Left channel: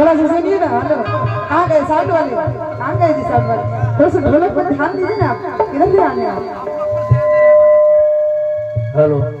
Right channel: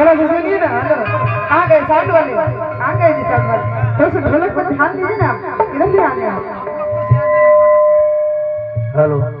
थोड़ा सा सुनिए ना। आ गए साउंड वाले, आ गए जी साउंड वाले। थोड़ा सा ढोलक पर ध्यान दीजिए ना, इधर भी आने। हेलो।